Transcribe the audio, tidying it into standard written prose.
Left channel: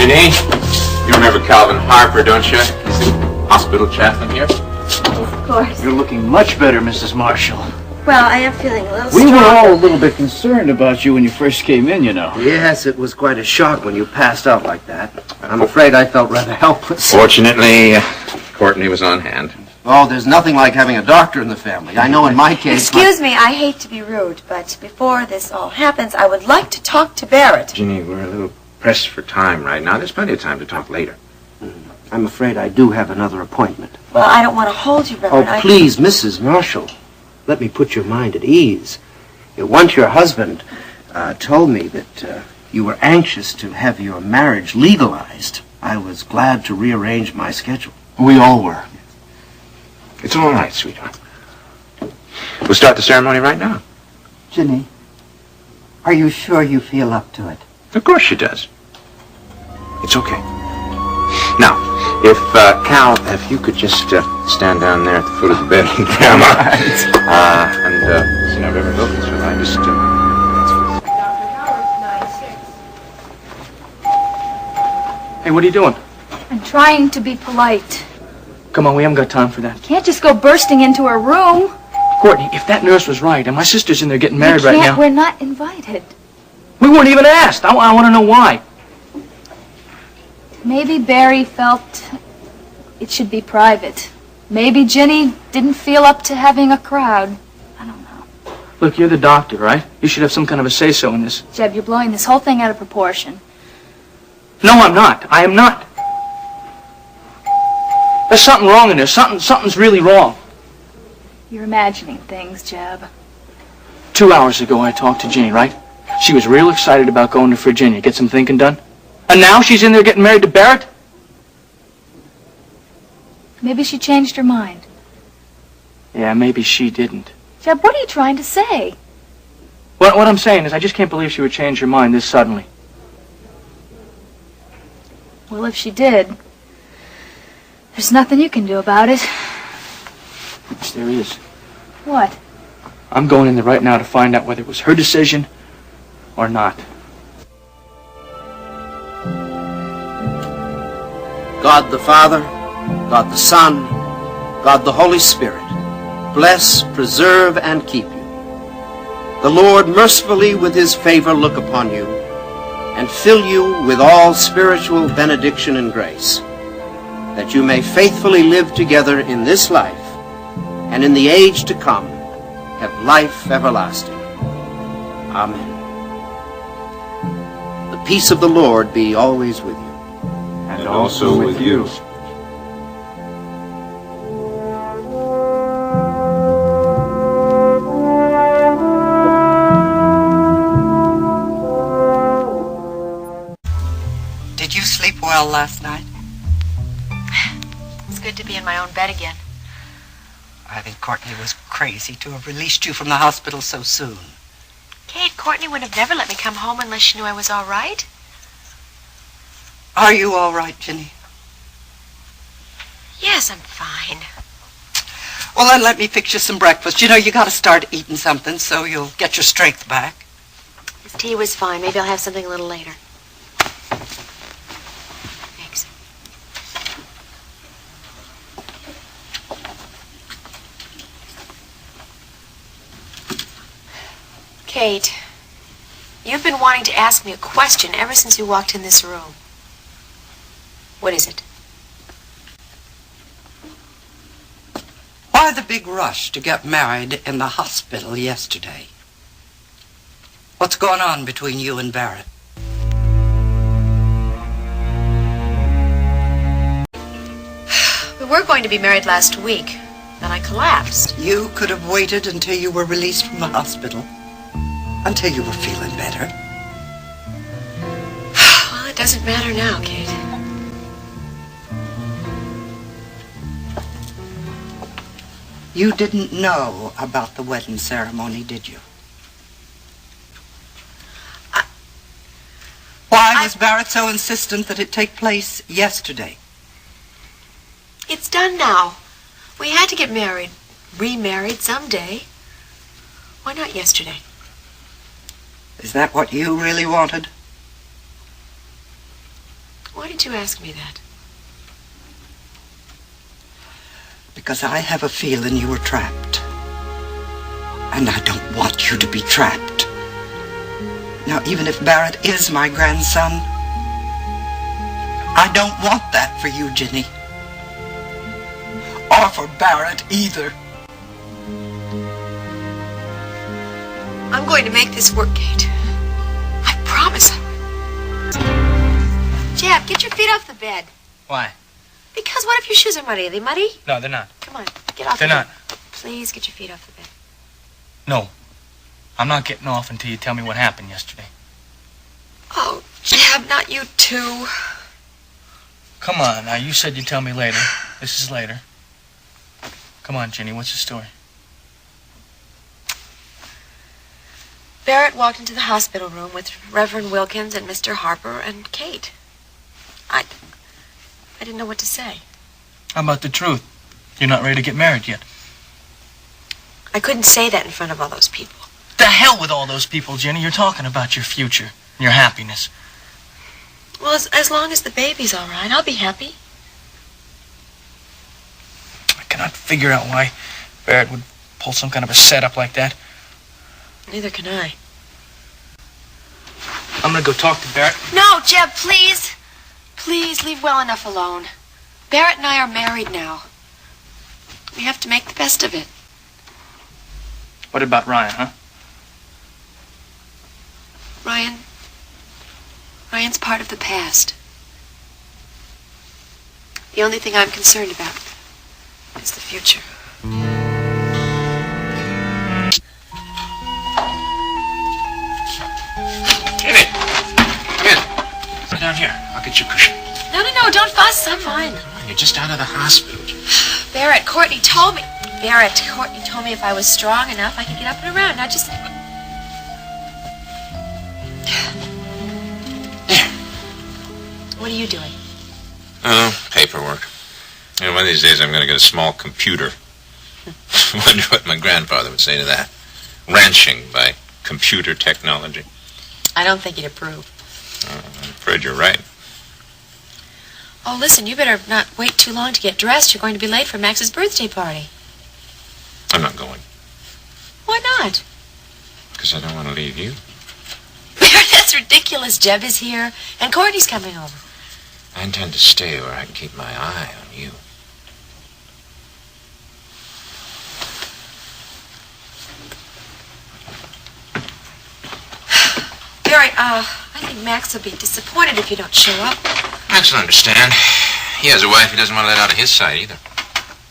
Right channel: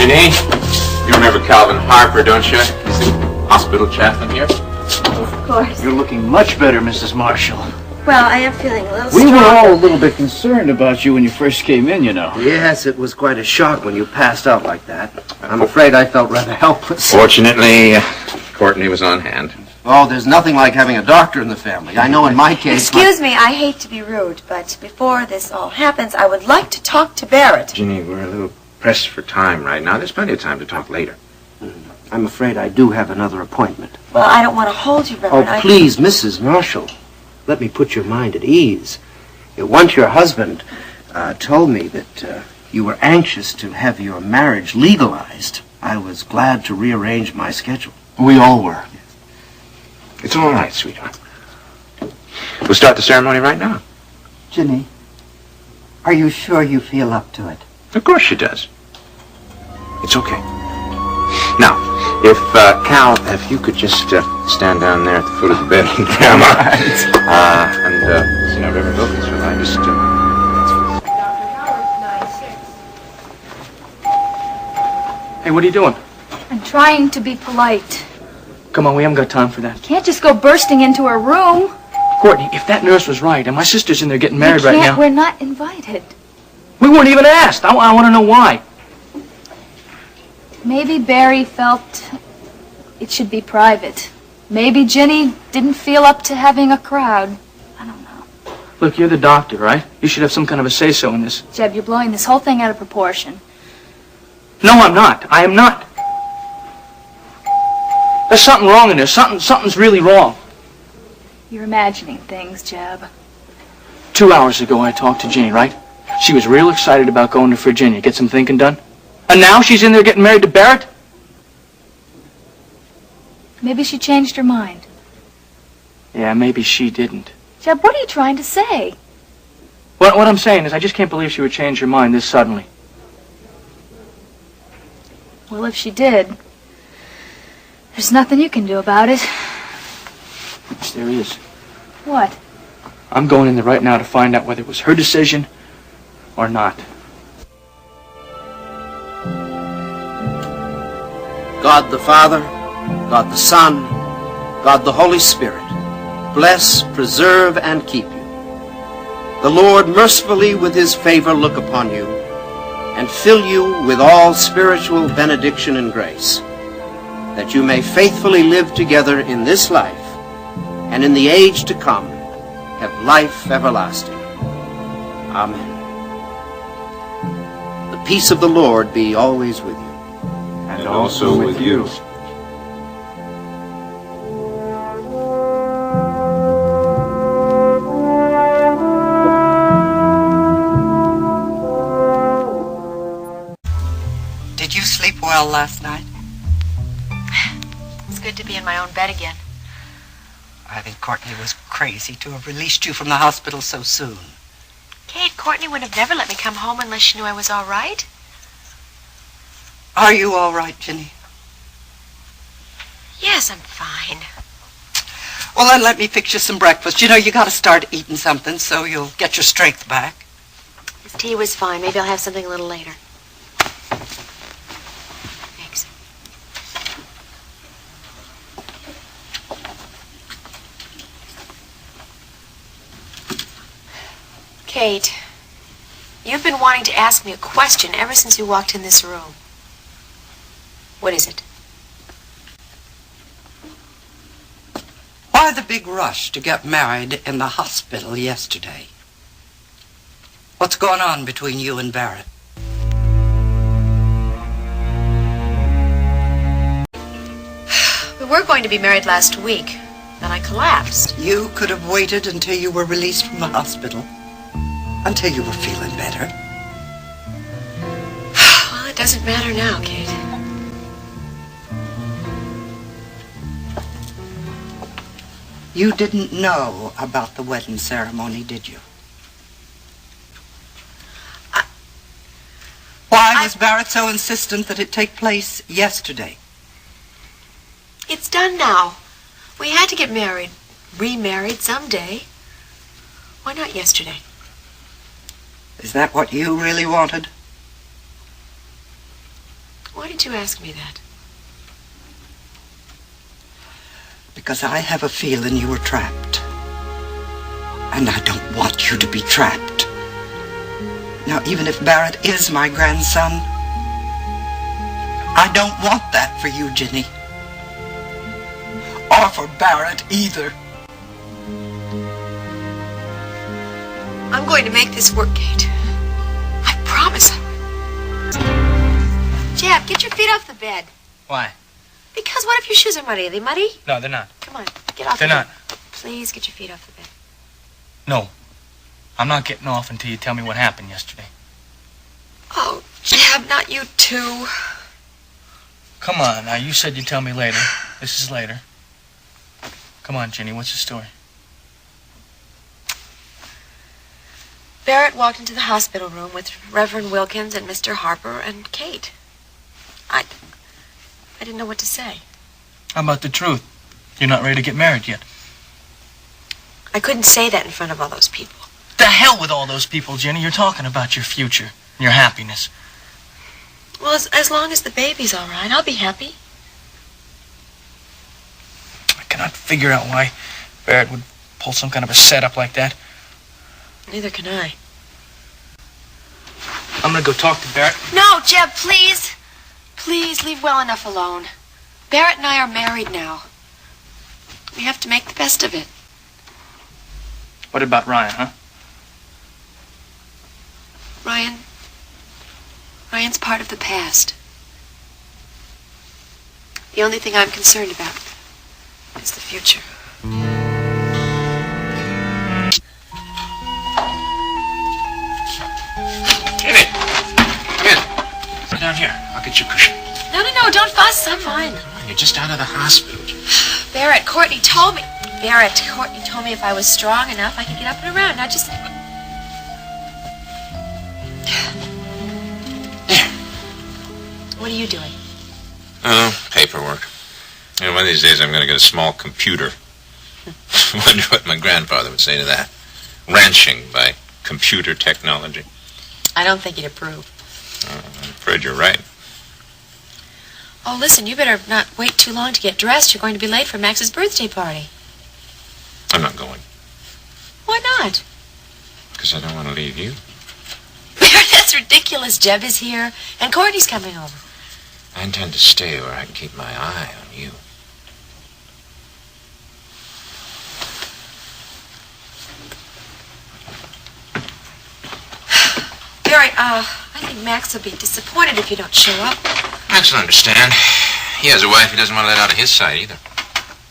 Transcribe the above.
Ginny, you remember Calvin Harper, don't you? He's the hospital chaplain here. Of course. You're looking much better, Mrs. Marshall. Well, I am feeling a little We stronger. were all a little bit concerned about you when you first came in, you know. Yes, it was quite a shock when you passed out like that. I'm afraid I felt rather helpless. Fortunately, Courtney was on hand. Oh, there's nothing like having a doctor in the family. I know in my case... Excuse me, I hate to be rude, but before this all happens, I would like to talk to Barrett. Ginny, we're a little pressed for time right now. There's plenty of time to talk later. I'm afraid I do have another appointment. Well, I don't want to hold you, Reverend. Oh, please, Mrs. Marshall. Let me put your mind at ease. Once your husband told me that you were anxious to have your marriage legalized, I was glad to rearrange my schedule. We all were. It's all right, sweetheart. We'll start the ceremony right now. Ginny, are you sure you feel up to it? Of course she does. It's okay. Now, if, Cal, if you could just stand down there at the foot of the bed and Grandma. See now, Reverend Wilkins, will I just... Hey, what are you doing? I'm trying to be polite. Come on, we haven't got time for that. Can't just go bursting into her room. Courtney, if that nurse was right, and my sister's in there getting married right now... We're not invited. We weren't even asked. I want to know why. Maybe Barry felt it should be private. Maybe Ginny didn't feel up to having a crowd. I don't know. Look, you're the doctor, right? You should have some kind of a say-so in this. Jeb, you're blowing this whole thing out of proportion. No, I'm not. I am not. There's something wrong in this. Something's really wrong. You're imagining things, Jeb. 2 hours ago, I talked to Ginny, right? She was real excited about going to Virginia, get some thinking done. And now she's in there getting married to Barrett? Maybe she changed her mind. Yeah, maybe she didn't. Jeb, what are you trying to say? What I'm saying is I just can't believe she would change her mind this suddenly. Well, if she did, there's nothing you can do about it. Yes, there is. What? I'm going in there right now to find out whether it was her decision or not. God the Father, God the Son, God the Holy Spirit, bless, preserve, and keep you. The Lord mercifully with his favor look upon you and fill you with all spiritual benediction and grace, that you may faithfully live together in this life and in the age to come have life everlasting. Amen. The peace of the Lord be always with you. And also with you. Did you sleep well last night? It's good to be in my own bed again. I think Courtney was crazy to have released you from the hospital so soon. Kate, Courtney would have never let me come home unless she knew I was all right. Are you all right, Ginny? Yes, I'm fine. Well, then let me fix you some breakfast. You know, you got to start eating something so you'll get your strength back. This tea was fine. Maybe I'll have something a little later. Thanks. Kate, you've been wanting to ask me a question ever since you walked in this room. What is it? Why the big rush to get married in the hospital yesterday? What's going on between you and Barrett? We were going to be married last week. Then I collapsed. You could have waited until you were released from the hospital. Until you were feeling better. Well, it doesn't matter now, Kate. You didn't know about the wedding ceremony, did you? Why was Barrett so insistent that it take place yesterday? It's done now. We had to get married, remarried someday. Why not yesterday? Is that what you really wanted? did you ask me that? Because I have a feeling you were trapped. And I don't want you to be trapped. Now, even if Barrett is my grandson, I don't want that for you, Ginny. Or for Barrett either. I'm going to make this work, Kate. I promise. Jeb, get your feet off the bed. Why? Because what if your shoes are muddy? Are they muddy? No, they're not. Come on, get off They're the not. bed. Please get your feet off the bed. No. I'm not getting off until you tell me what happened yesterday. Oh, Jeb, not you too. Come on, now, you said you'd tell me later. This is later. Come on, Ginny, what's the story? Barrett walked into the hospital room with Reverend Wilkins and Mr. Harper and Kate. I didn't know what to say. How about the truth? You're not ready to get married yet. I couldn't say that in front of all those people. The hell with all those people, Ginny. You're talking about your future, your happiness. Well, as long as the baby's all right, I'll be happy. I cannot figure out why Barrett would pull some kind of a setup like that. Neither can I. I'm gonna go talk to Barrett. No, Jeb, please. Please leave well enough alone. Barrett and I are married now. We have to make the best of it. What about Ryan, huh? Ryan's part of the past. The only thing I'm concerned about is the future. Ginny, come in. Sit down here. I'll get you a cushion. No, don't fuss. I'm fine. Come on, you're just out of the hospital. Courtney told me if I was strong enough, I could get up and around. Now just... What are you doing? Oh, paperwork. You know, one of these days I'm going to get a small computer. Wonder what my grandfather would say to that. Ranching by computer technology. I don't think he'd approve. I'm afraid you're right. Oh, listen, you better not wait too long to get dressed. You're going to be late for Max's birthday party. I'm not going. Why not? Because I don't want to leave you. That's ridiculous. Jeb is here, and Courtney's coming over. I intend to stay where I can keep my eye on you. Barry, I think Max will be disappointed if you don't show up. Max will understand. He has a wife he doesn't want to let out of his sight either.